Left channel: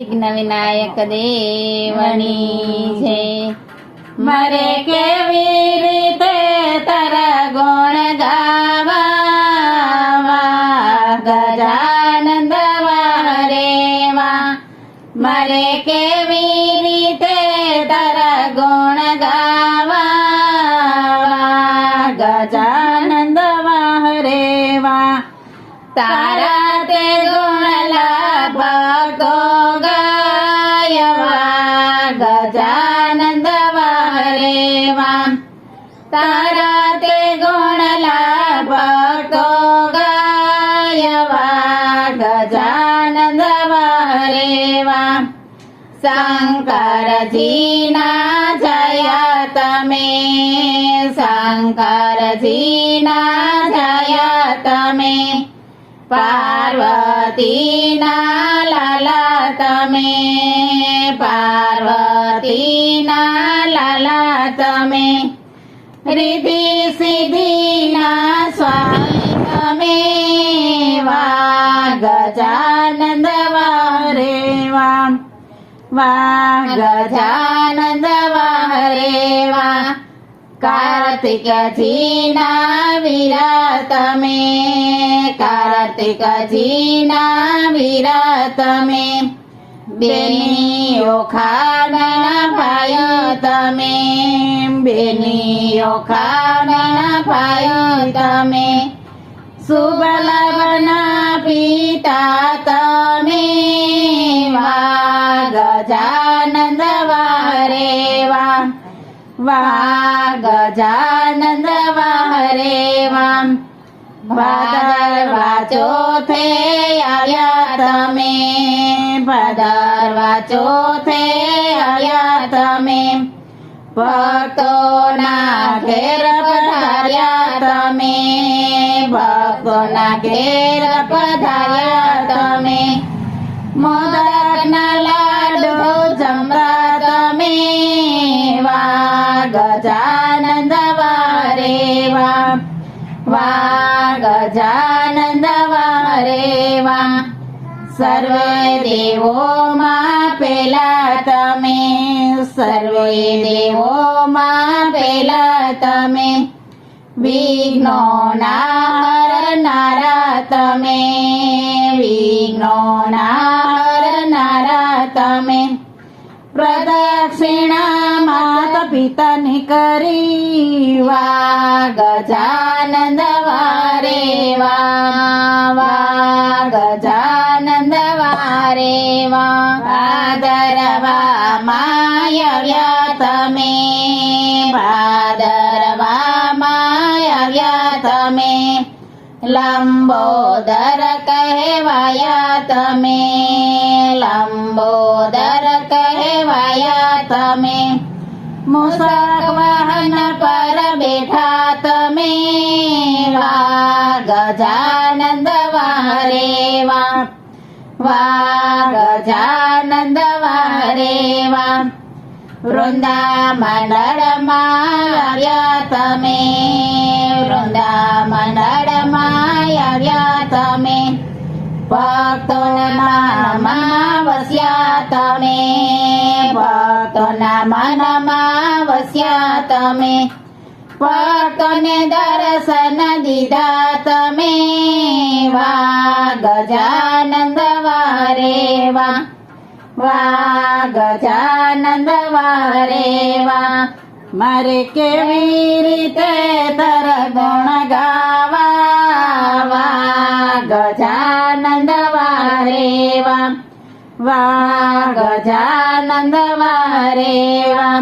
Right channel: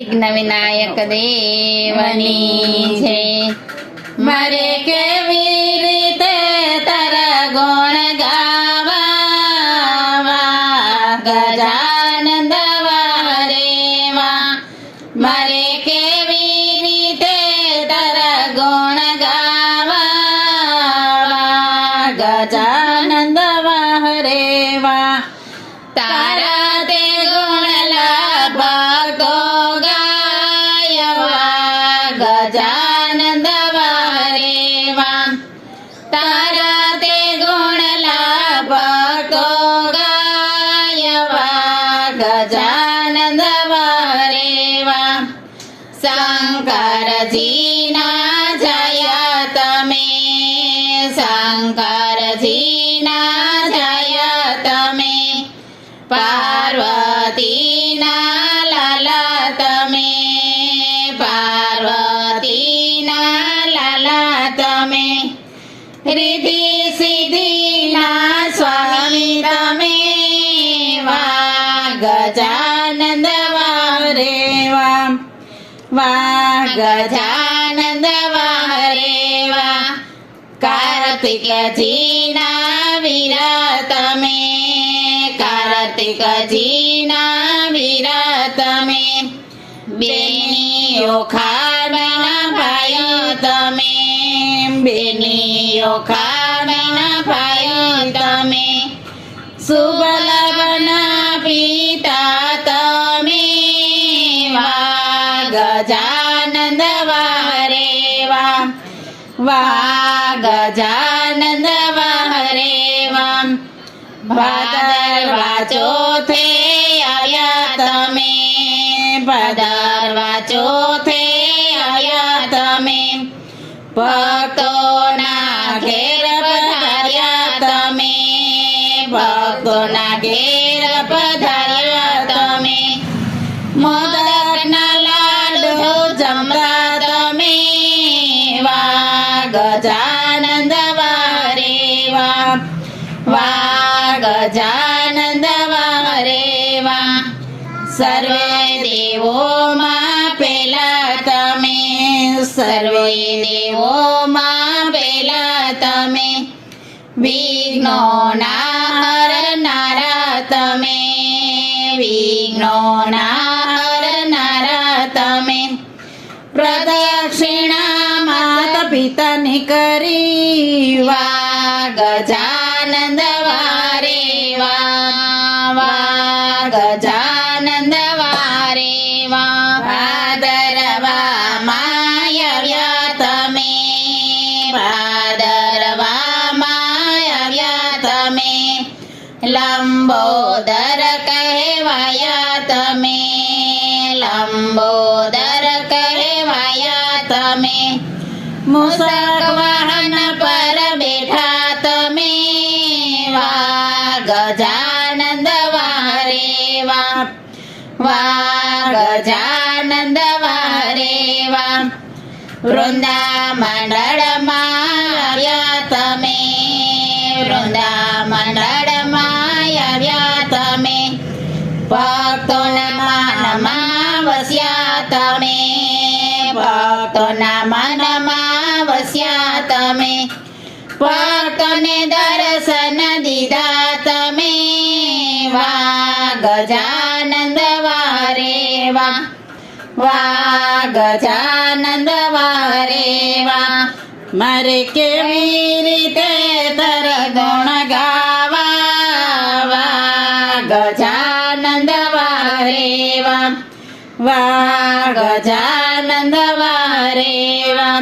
વિઘ્ન વિનાયક દેવની જય. મારે કેવી રીતે તારા ગુણ ગાવા, ગજાનંદ વારેવા. મારે કેવી રીતે તારા ગુણ ગાવા, ગજાનંદ વારેવા. તારા તે ગુણ ભક્તો ગાયવા, ગજાનંદ વારેવા. તારા તે ગુણ ભક્તો ગાયવા, ગજાનંદ વારેવા. શંકરજીના જય તમે, શંકરજીના જય તમે. પાર્વતીના લાલા તમે, પાર્વતીના લાલા તમે. રિદ્ધિ સિદ્ધિના સ્વામી તમે, વા ગજાનંદ વારેવા, વા ગજાનંદ વારેવા. કાર્તિકજીના વીર તમે, કાર્તિકજીના વીર તમે. બેનીઓ ખાના ભાઈ તમે, બેનીઓ ખાના ભાઈ તમે. સુબલવના પિતા તમે, વા ગજાનંદ વારેવા, વા ગજાનંદ વારેવા. ભાદરવા ચોથે આવ્યા તમે, ભાદરવા ચોથે આવ્યા તમે. ભક્તોના ઘેર પધાર્યા તમે, ભક્તોના ઘેર પધાર્યા તમે. મોદકના લાડુ જમતા તમે, વા ગજાનંદ વારેવા, વા ગજાનંદ વારેવા. સર્વે દેવોમાં પેલા તમે, સર્વે દેવોમાં પેલા તમે. વિઘ્નોના હરનારા તમે, વિઘ્નોના હરનારા તમે. પ્રદક્ષિણા માતા પિતાની કરી, વા ગજાનંદ વારેવા, વા ગજાનંદ વારેવા. ભાદરવામાં આવ્યા તમે, ભાદરવામાં આવ્યા તમે. લંબોદર કહેવાયા તમે, લંબોદર કહેવાયા તમે. મૂષક વાહન પર બેઠા તમે, વા ગજાનંદ વારેવા, વા ગજાનંદ વારેવા. વૃંદા મંડળમાં આવ્યા તમે, વૃંદા મંડળમાં આવ્યા તમે. ભક્તોના મનમાં વસ્યા તમે, ભક્તોના મનમાં વસ્યા તમે. ભક્તોને દર્શન દીધા તમે, વા ગજાનંદ વારેવા, વા ગજાનંદ વારેવા. મારે કેવી રીતે તારા ગુણ ગાવા, વા ગજાનંદ વારેવા, વા ગજાનંદ વારેવા.